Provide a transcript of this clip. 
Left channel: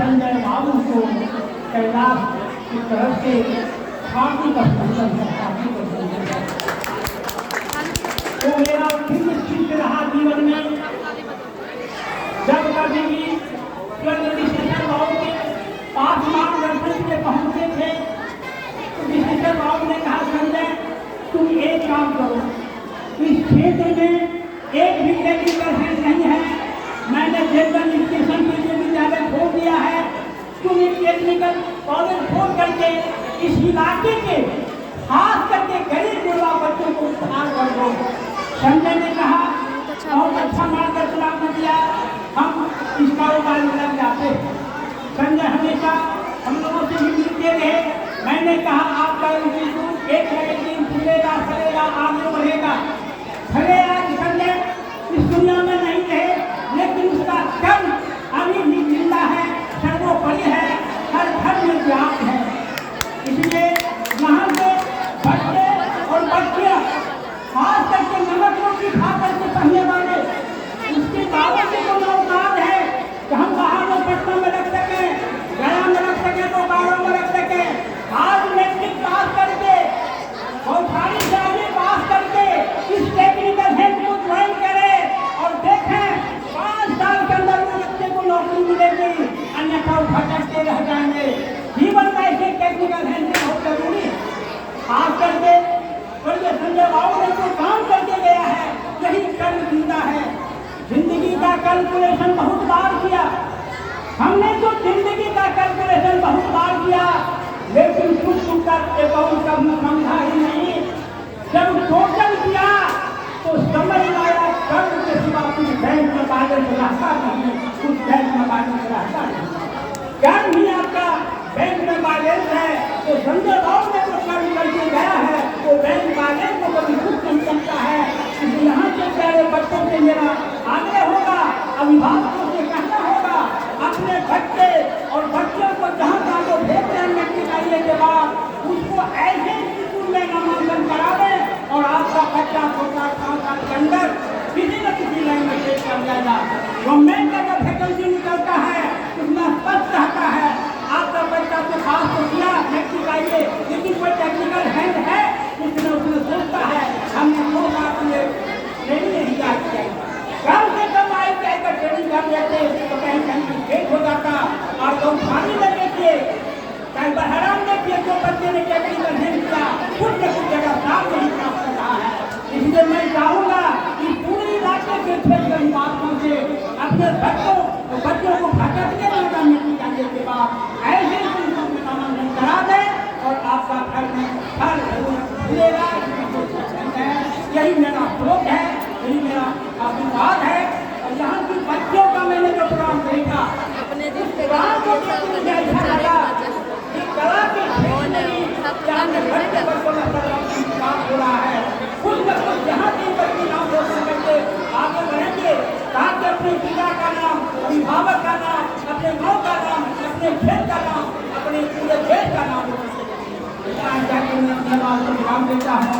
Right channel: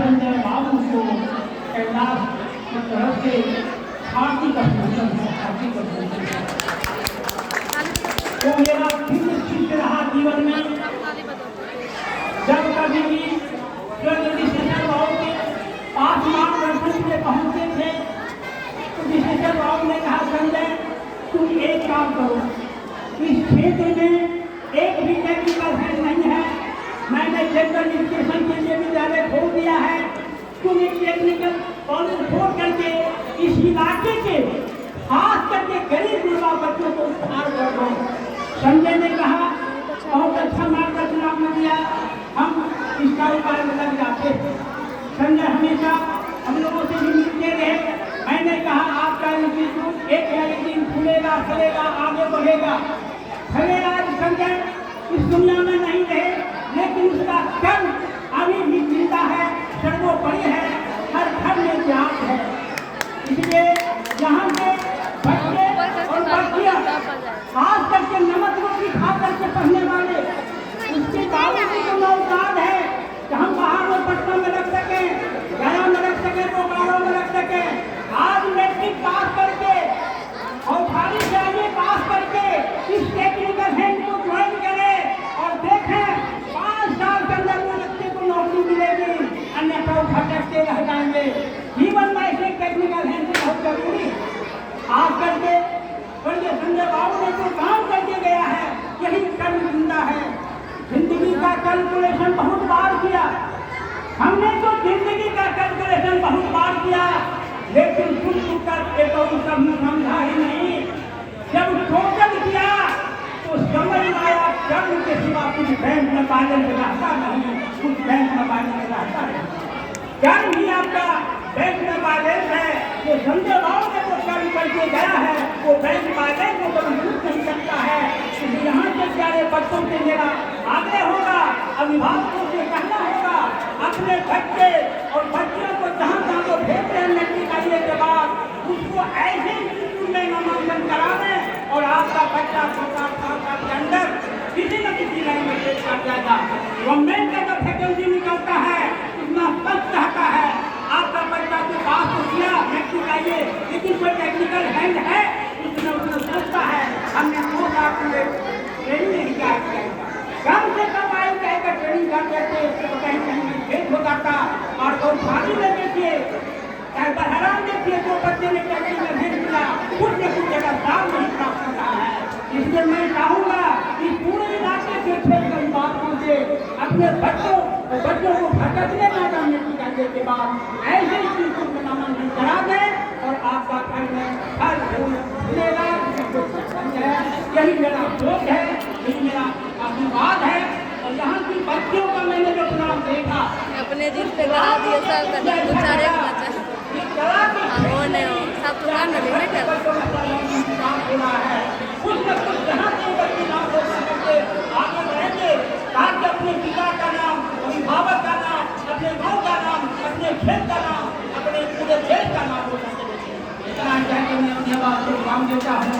संजय बाबू को कैलाश की तरफ से हार्दिक अभिनंदन है, हार्दिक अभिनंदन। वो मेरा फिर निश्चित रहा जीवन में, जब कभी भी संजय बाबू के पास मार्गदर्शन में पहुंचे थे तो संजय बाबू ने कहा, संजय तुम एक काम करो, इस क्षेत्र में एक भी टेक्निकल हेल्थ नहीं है, मैंने जनरल एजुकेशन के लिए विद्यालय खोल दिया है, तुम एक टेक्निकल कॉलेज खोल करके इस इलाके के खास करके गरीब गुरबा बच्चों को उद्धार कर दो। संजय ने कहा, बहुत अच्छा मार्गदर्शन आपने दिया, हम इस कारोबार में लग जाते। संजय हमेशा हम लोगों से भी मिलते रहे। मैंने कहा, आपका इंस्टीट्यूट एक न एक दिन खुलेगा, चलेगा, आगे बढ़ेगा। भले आज संजय इस दुनिया में नहीं रहे, लेकिन उसका कर्म अभी भी जिंदा है, सर्वोपरि है, हर घर में व्याप्त है। इसलिए यहाँ से बच्चे और बच्चियाँ खास करके नमक रोटी खा करके पढ़ने वाले, उसके बाबू से तो नौकार है कि हम बाहर में पटना में रख सकें, गया में रख सकें, बोकारो में रख सकें। आज मैट्रिक पास करके और सारी चाहिए पास करके इस टेक्निकल हेल्थ को ज्वाइन करें और देखें 5 साल के अंदर में बच्चे को नौकरी मिलेगी, अन्यथा भटकते रह जाएंगे। जीवन में ऐसे टेक्निकल हेल्थ बहुत जरूरी है। खास करके संजय बाबू ने जो काम करके गया है, यही कर्म जिंदा है। जिंदगी का कैलकुलेशन बहुत बार किया, हमने तो जिंदगी का कैलकुलेशन बहुत बार किया, लेकिन चुप चुप कर एक और कभी समझा ही नहीं। जब टोटल किया तो समझ आया कर्म के सिवा कुछ बैंक में बैलेंस रहता नहीं, कुछ बैंक में बैलेंस रहता नहीं। कर्म ही आपका बैंक में बैलेंस है। तो संजय बाबू ने जो कर्म करके गया है वो बैंक बैलेंस को कभी कुछ नहीं करता है। इसलिए यहाँ के प्यारे बच्चों के मेरा आग्रह होगा, अभिभावकों से कहना होगा, अपने बच्चे और बच्चों को जहाँ जहाँ को भेज रहे हैं निकालने के बाद उसको ऐसे स्कूल में नामांकन करा दें और आपका बच्चा 4 साल के अंदर किसी न किसी लाइन में पेश कर जाएगा। गवर्नमेंट का वैकेंसी निकलता है उतना स्पष्ट रहता है। आपका बच्चा को पास तो किया, मैट्रिक आइए, लेकिन कोई टेक्निकल हैंड है उसने सोचता है हमने 2 साल के ट्रेनिंग नहीं किया, कम से कम आई जाएगा ट्रेनिंग कर देते तो कहीं कहीं फेल हो जाता। और तो फांसी में देखिए, कहीं पर हैरान देखिए, जो बच्चे ने टेक्निकल हैंड किया कुछ न कुछ जगह काम नहीं प्राप्त कर रहा है। इसलिए मैं चाहूँगा कि पूरे इलाके के क्षेत्र में बात करके अपने बच्चों को भटकने ना जाने निकालने के बाद ऐसे स्कूल में नामांकन करा दें और आपका घर में हर मिलेगा। यही मेरा श्लोक है, यही मेरा आशीर्वाद है। और यहाँ की बच्चियों का मैंने जो प्रोग्राम देखा, अपने जिस पे करा दिया सब करने बेचारे को बचा वो ने सब तो काम नहीं कर कुछ न कुछ यहाँ की बच्ची नाम करके आगे बढ़ेंगे, ताकि अपने पिता का नाम, अभिभावक का नाम, अपने गाँव का नाम, अपने खेत का नाम, अपने पूरे देश का नाम हो सके। इतना धन्यवाद देता हूँ।